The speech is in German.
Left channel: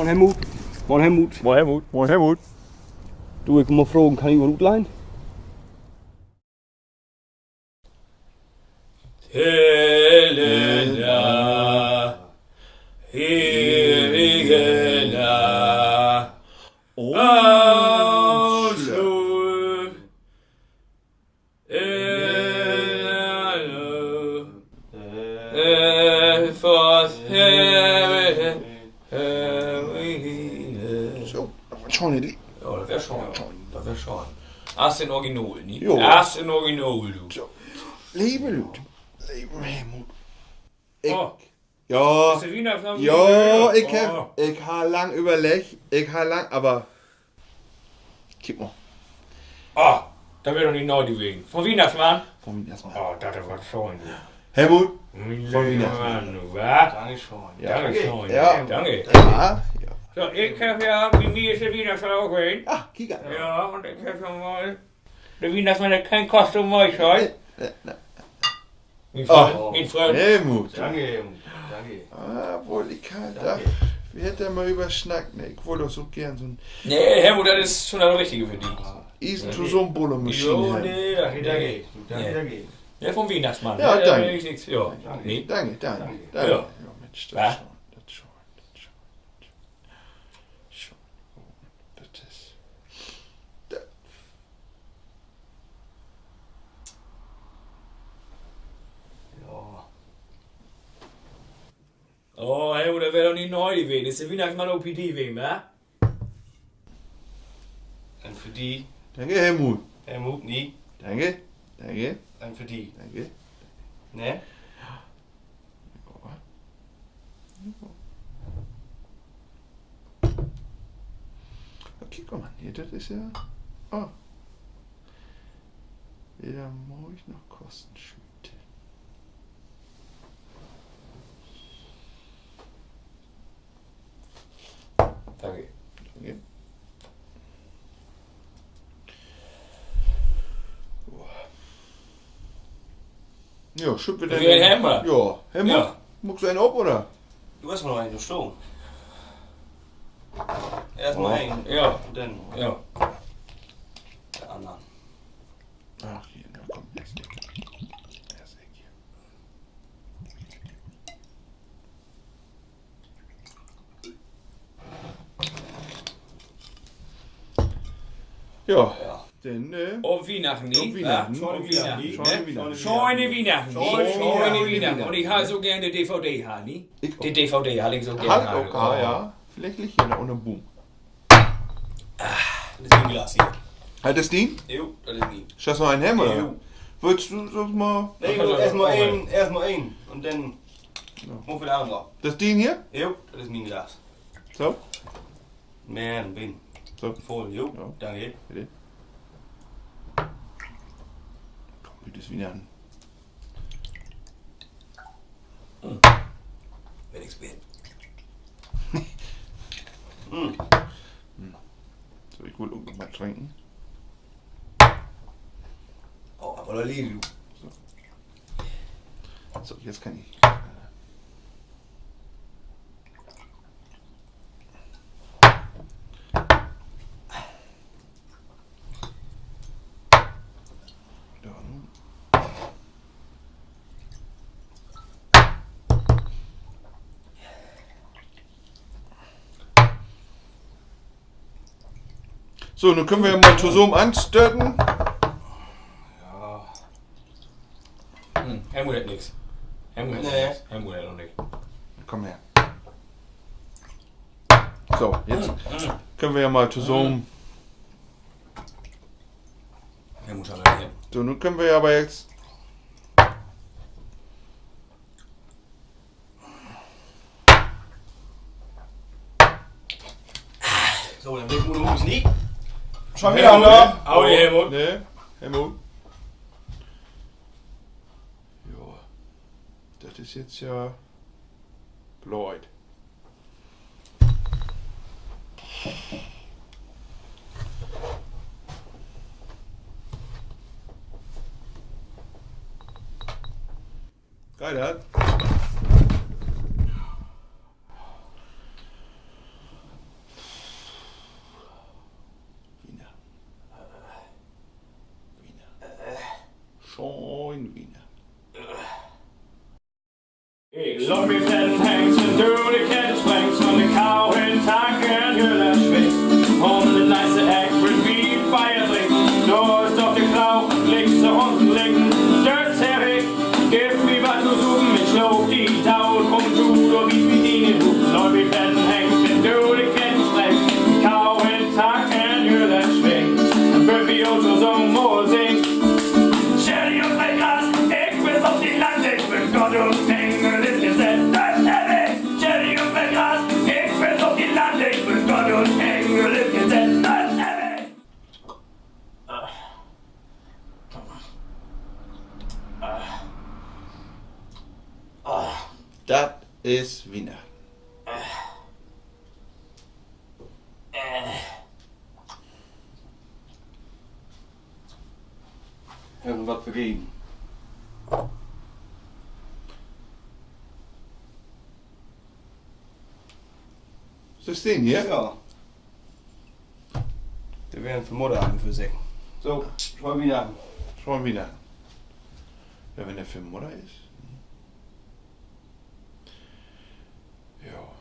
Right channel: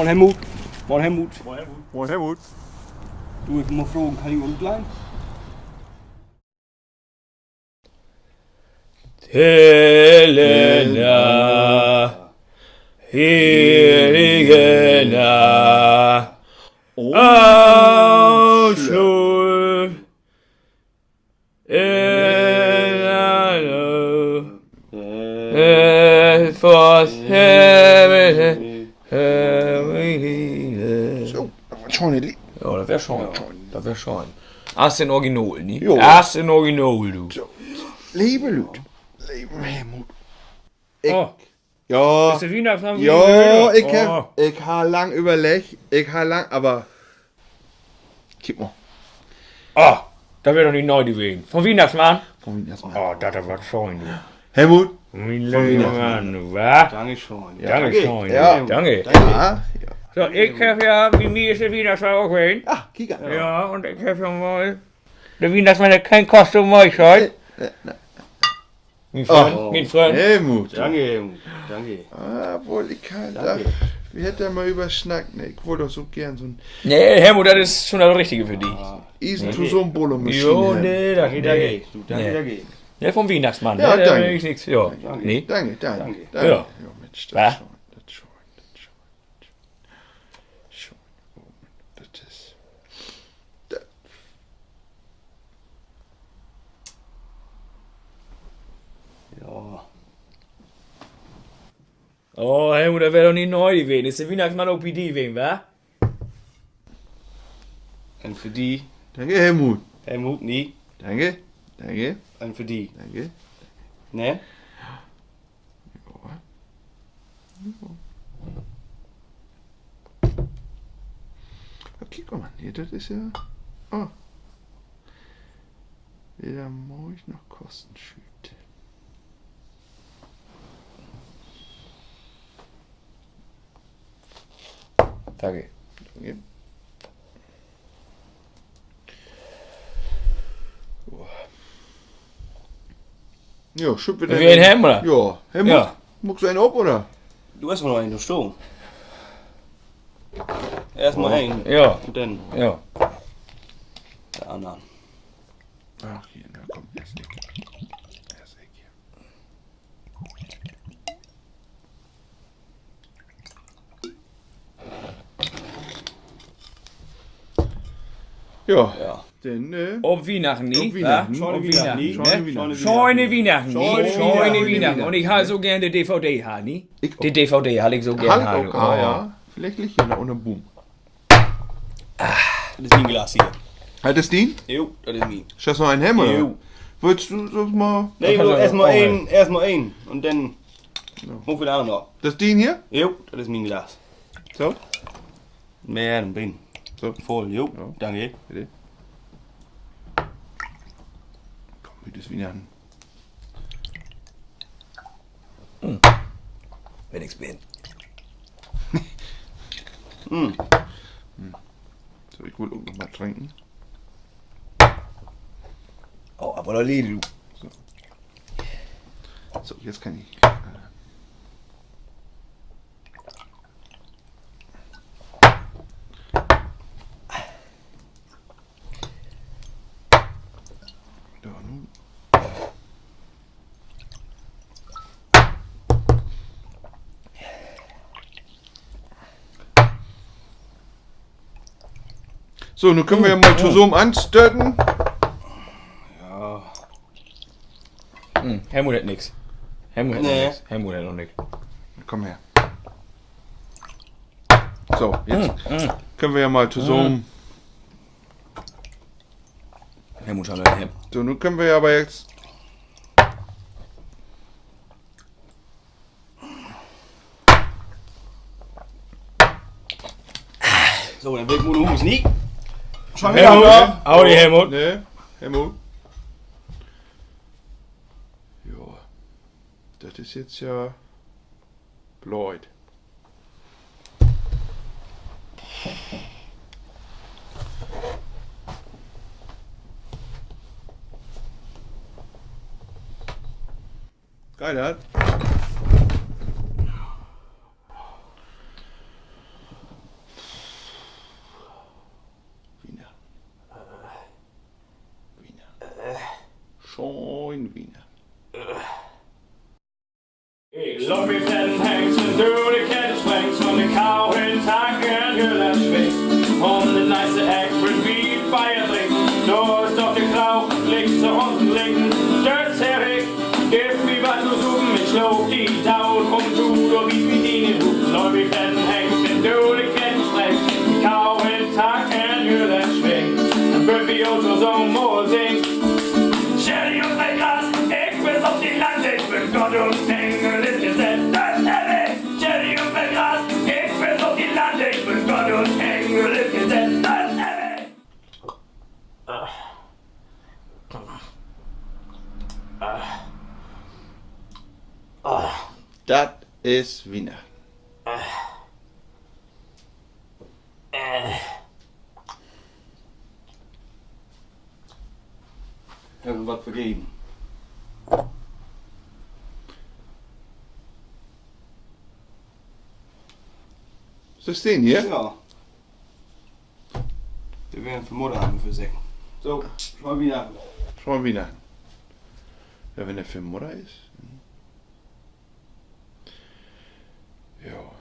Moin Helmut. Moin Helmut. Moin Helmut. Moin Helmut. Du, ich will mal fragen, kann ich mal gut leihen? Helena, Helena, Ausschluss, So, was schon nicht. Ja, das wär schon. Das wär schon. Erst in Original, nie? Jo. Erst in Original, du. So, liebe Leute, liebe Helmut. Ik, Oh, ja, ist der Weihnachtsmann ja, wieder? ik ha lang überlegt, aber, kijk mal, Oh, da wär doch nicht neu gewesen. Vom Weihnachtsmann? von mir erstmal. Oh, das war schon, du. Helmut? Mein Vom lieber Weihnachtsmann. Mann, du, wa? Danke schon. Danke schon. Ja. Danke. Ja, ja. So, ich hab ja, wie mir ist der Weihnachtsmann auch gewesen. Ah, kijk aan. Ja, und ich hab schon mal. Der Weihnachtsmann hat kein Kostüm mehr, schon. Mein Freund, Oh. mein Freund. Helmut. Danke, Helmut. Danke. Ah, wohl, ich kann da, wir hätten mal überschnackt, ne, ich wollte doch so gern so ein Nee, Helmut, das ist schon das Richtige für dich. Eisen zu so einem Bulle-Maschine. Jo, nee, das geht. Danke. Du, danke, Nee. danke. Ja, vom Weihnachtsmann. Ja, ne? danke. Da ist nichts. Ja, nee. Danke. Ja. Ja, Mensch, Was? das schon. Schon. Oh, das ist. Das. Ja. Oh, Helmut, das wäre doch nicht neu gewesen. Ist der Weihnachtsmann OPD gewesen, wa? Und für die, Danke, Helmut. Helmut, nie. Danke. Und für die. Danke. Ne? Okay, guck mal, hier, das ist ja. Oh. Wieder muss ich noch Kosten schüten. Danke. Danke. Ja, schütt wieder. Wie ein Hemmer. Ja, Helmut. Ja. Muckst du einen ab, oder? Du hast noch einen, du Sturm. Erstmal einen. Ja, Und dann ja. der andere. Ach, hier, na komm, erst ich. Erst ich hier. Ja, Ja. denn, Um Weihnachten, nie? Um Weihnachten. Ja, um Weihnachten, Scheune ne? Weihnachten. Scheune Weihnachten, nie? Scheune Weihnachten. Weihnachten. Und ich habe so gerne die DVD, ha, nie? Ich Die DVD habe ich so gerne. Hand auch, ja. Vielleicht liegt hier noch unter dem Boom. Das ist mein Glas hier. Halt das Ding? Jo, das ist mein. Ist das noch ein Hemmer? Jo. Willst du das mal? Nee, kann du, er erstmal auch einen, erstmal einen. Und dann hoch wieder andere. Das Ding hier? Jo, das ist mein Glas. So? Mehr, dann bin. So. Voll, jo. Ja. Danke. Bitte. Komm, bitte ist Weihnachten. Wenn ich's bin. So, ich will irgendwann mal trinken. Oh, aber da liegt du. So, jetzt kann ich. Da nun. So, nun können wir ja mal zusammen anstöten. Ja. Helmut hat nix. Helmut hat Nee. nix. Helmut hat noch nix. Komm her. So, jetzt können wir ja mal zusammen. Helmut schon mal her. So, nun können wir ja aber jetzt. So, dann will ich nur noch nicht. Schon Helmut. wieder. Audi, Helmut. Ne, Helmut. Ja. Das ist jetzt ja. Lloyd. Reinhard? schön Wiener. Ik loop met den hengsten door de kettingsprengs van de kou in takken hullen schwingt. Om de nice egg with wie fire drink. Door stopt de grauw, ligt ze unten liegen. Stört her ik, gib mir was zu suchen. Ich schloop die Taul, komm du, du wie mit ihnen rufen. Loop met den hengsten door de kettingsprengs. Kou in takken hullen schwingt. En wird wie Otto so mooi zingt. Sherry und mein Glas, ich will auf die Lande, ich bin Gott und Engel ist gesetzt, das ist Sherry und mein Glas, ich will auf die Lande, ich bin Gott und Engel ist gesetzt, das ist Das ist Wiener. Irgendwas vergeben. Ist das den hier? Ja. Wir werden für Mutter haben für sich. So, schau mal wieder an. Schau mal Wiener. Ja, wenn der für Mutter ist. Ja.